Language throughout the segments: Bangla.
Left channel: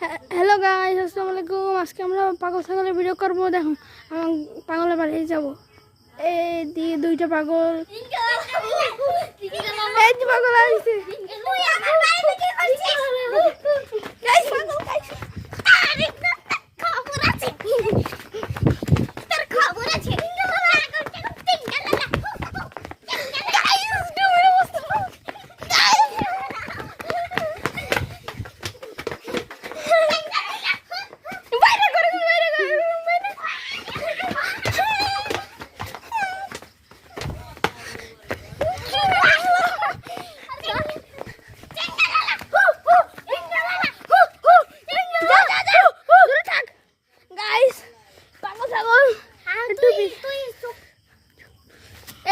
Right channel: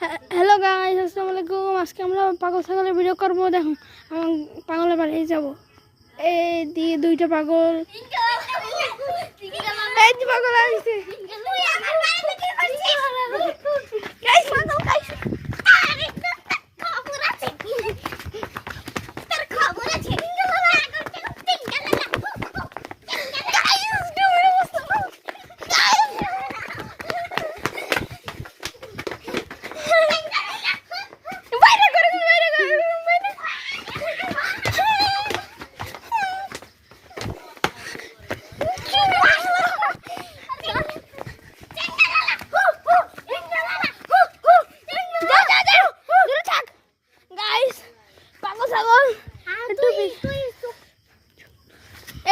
হ্যালো গাইস, আসসালামু আলাইকুম। আজকে আমরা পাগল ছাগলের ভিডিও করবো। দেখো আমার পাগলের বাড়ি যাব। এই দিয়ে দুইটা পাগল, এই যে পাগল আসছে।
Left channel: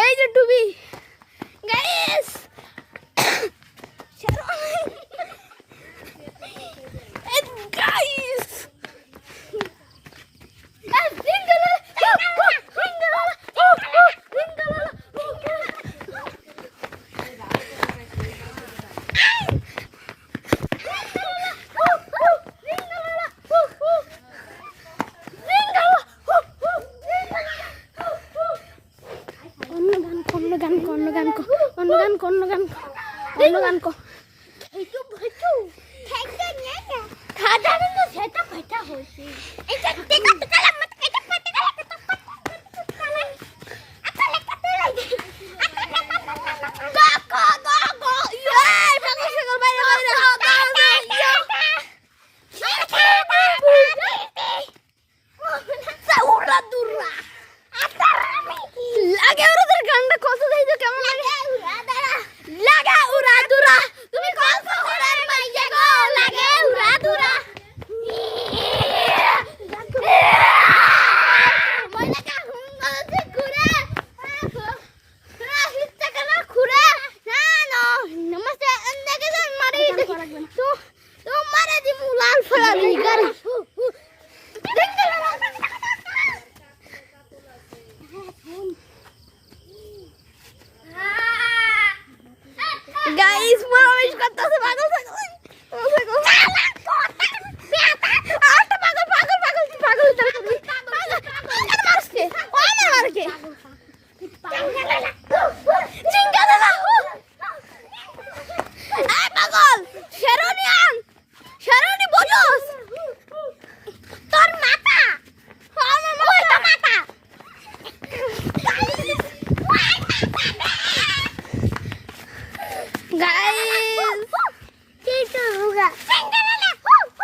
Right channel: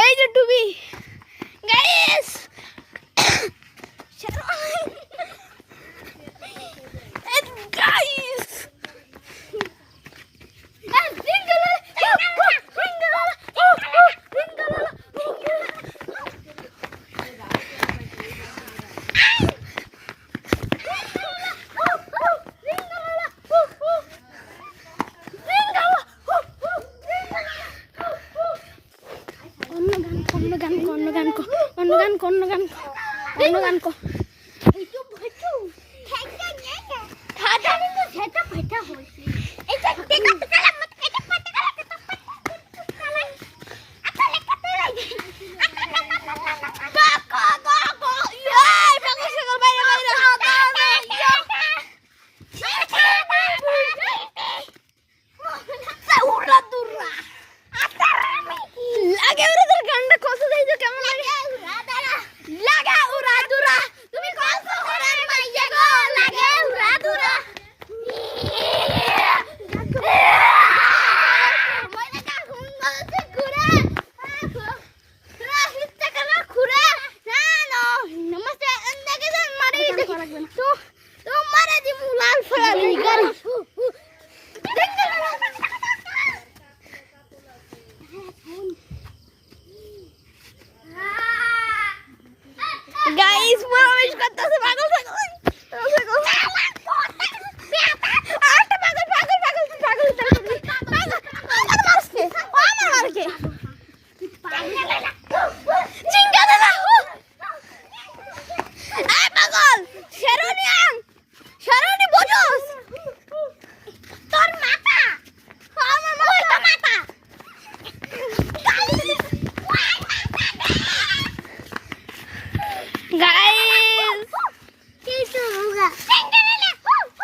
এই যে টুবি গাইস, গাইস অন্য গান কো